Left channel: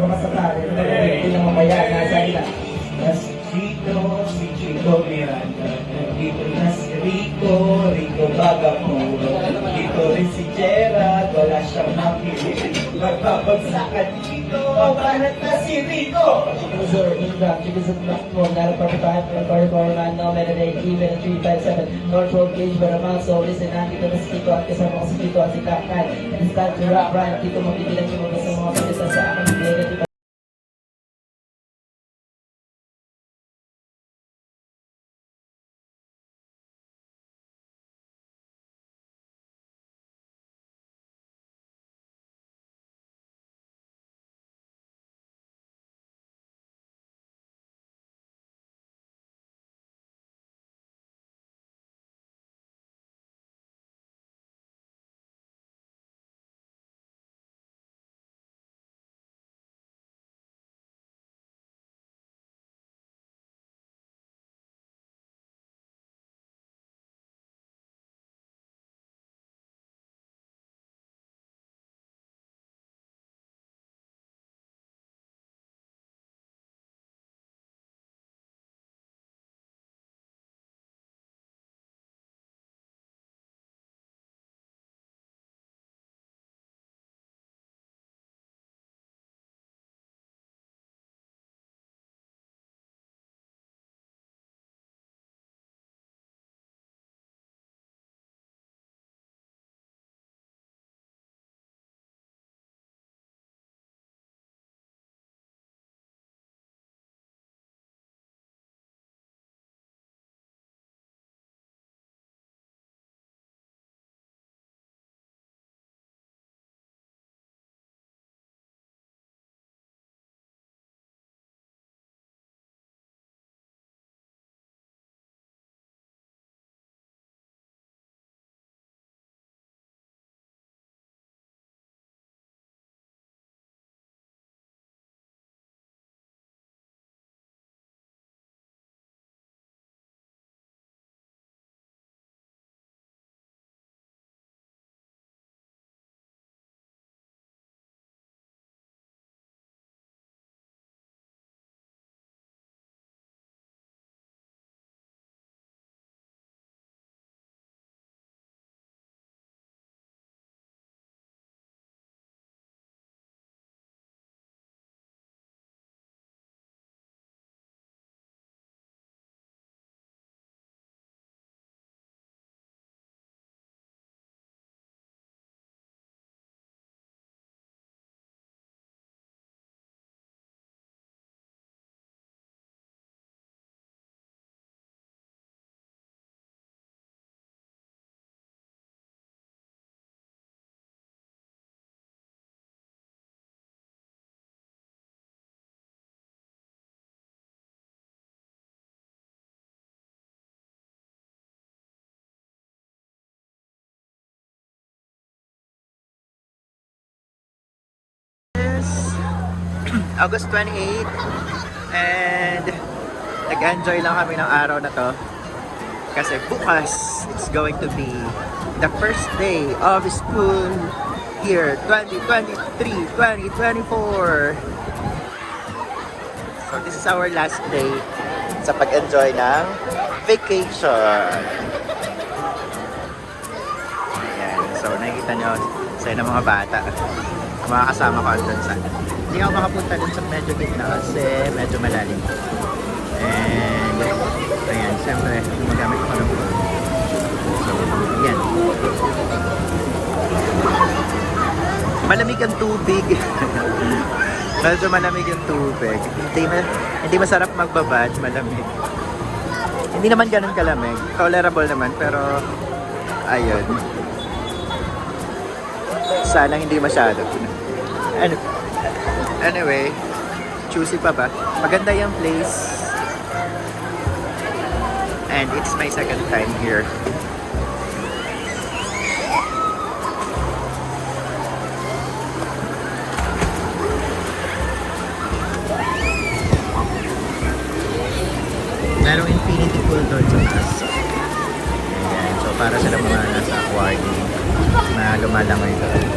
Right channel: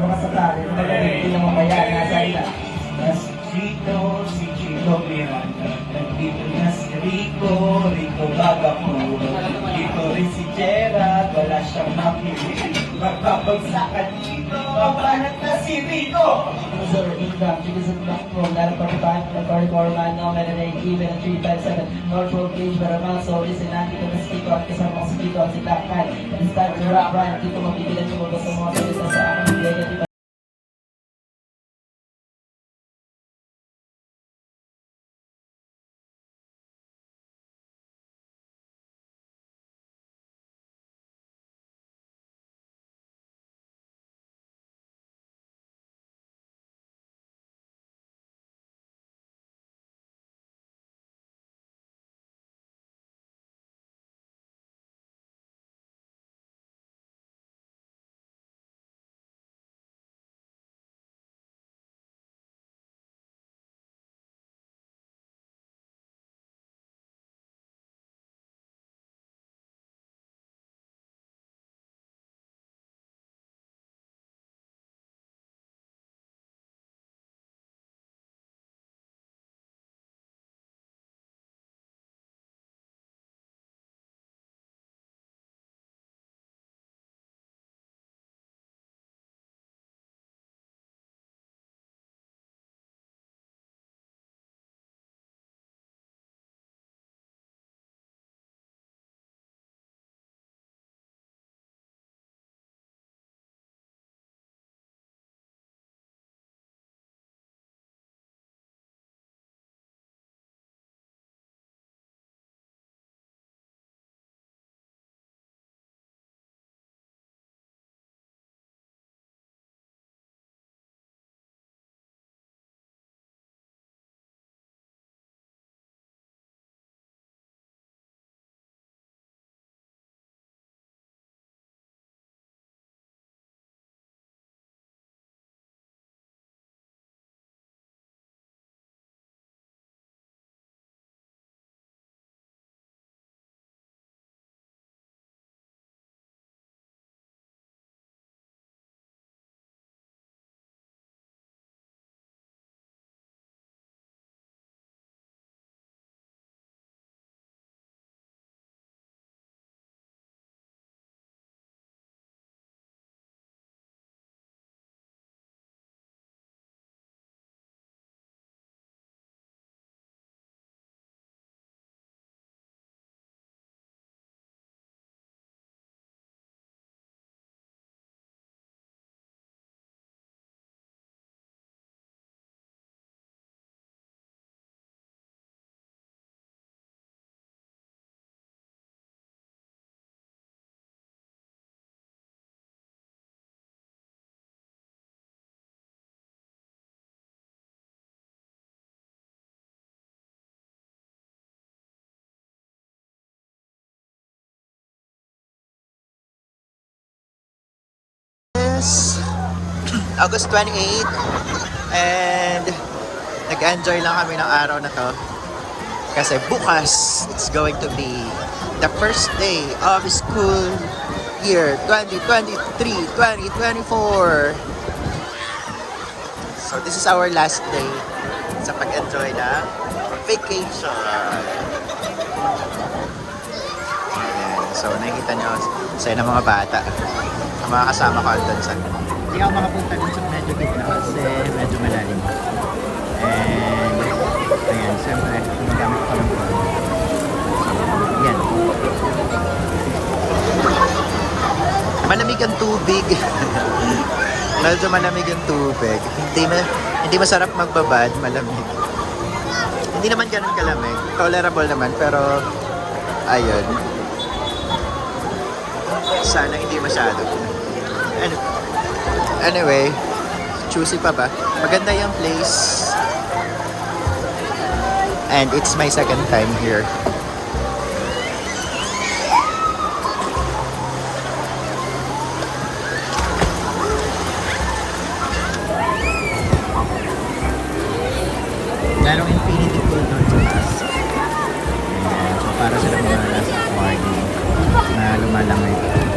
baka sakali, hindi naman kaya, nasa ila. Mas dito, si Chico Miranda. Dito na si Rico Bagapuro. Dito rin si Gerard, wala siyang makinig. Magpapagsakan dito, papanat na si Rico. Sir, Ingram, because of the room, not a part of man, no matter even a 357, North Road Gage, but I'm also listen, nandito na si Chico, at kasama ko si Chico at si Kakay. It's time to rock, right? Dito mapigilan yung mga sa mga salita sa aking negative. August 28 and nag-enjoy lang kami ng araw na to kasi bukas it's going to be the first day of school year 2023-2024. So this is our last day sa pag-enjoy ng vacation. Ayan. So nakikita niyo sa ng mga bata, ang mga kasama ko doon sa hindi ako makapunta dun sa medyo gitna kasi medyo malalim. And ayan, siyempre magamit ko ng phone. So, yan. Malamig ang tubig. Medyo malamig ang tubig. Hindi masarap magbabad, malamig. Hindi naman ganun kalamig. Tolerable naman, pero ayun. Sana hindi masyado. Anyway, choosy pa ba? Maganda yung place. And it's my second time here. Merong infinity pool doon sa taas. Ayan, so para sila mga nasa aquarium na lumalangay doon.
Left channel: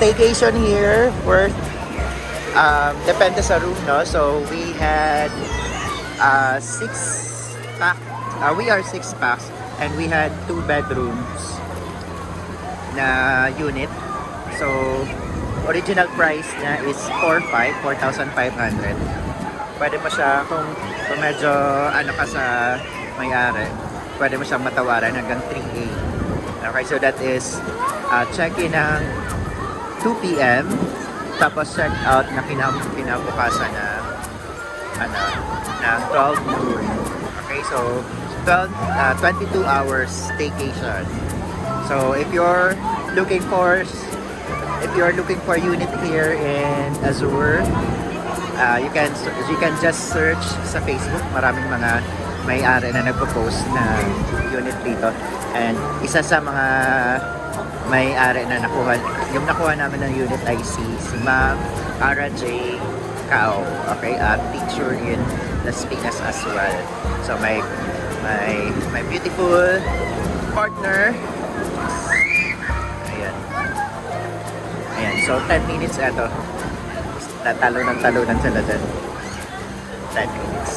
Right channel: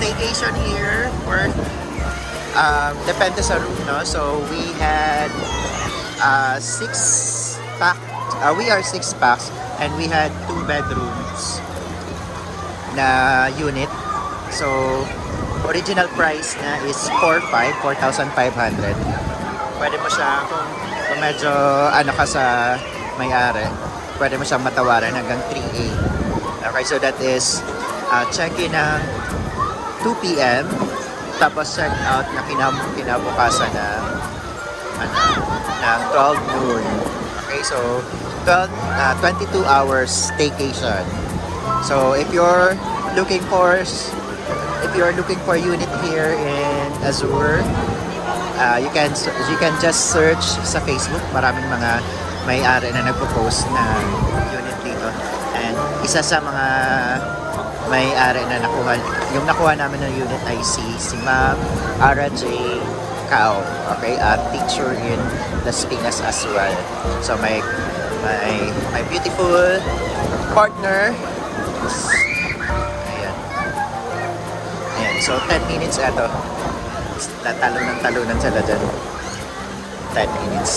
staycation here for depende sa room, no? So we had 6 pack. We are 6 packs and we had 2 bedrooms na unit. So original price na is 4,500. Pwede mo siya kung medyo ano ka sa may-ari, pwede mo siyang matawaran hanggang 3,800. Okay, so that is check-in ng 2 p.m. tapos check out na kinabukasan ng ng 12 noon. Okay, so 22 hours staycation. So if you're looking for unit here in Azure, you can just search sa Facebook. Maraming mga may-ari na nagpo-post na unit dito. And isa sa mga may-ari na nakuha namin ng unit ay si Ma'am Ara J. Cao. Okay, a teacher in Las Piñas as well. So my beautiful partner. Ayan, so 10 minutes eto. Talunan sila dyan. 10 minutes.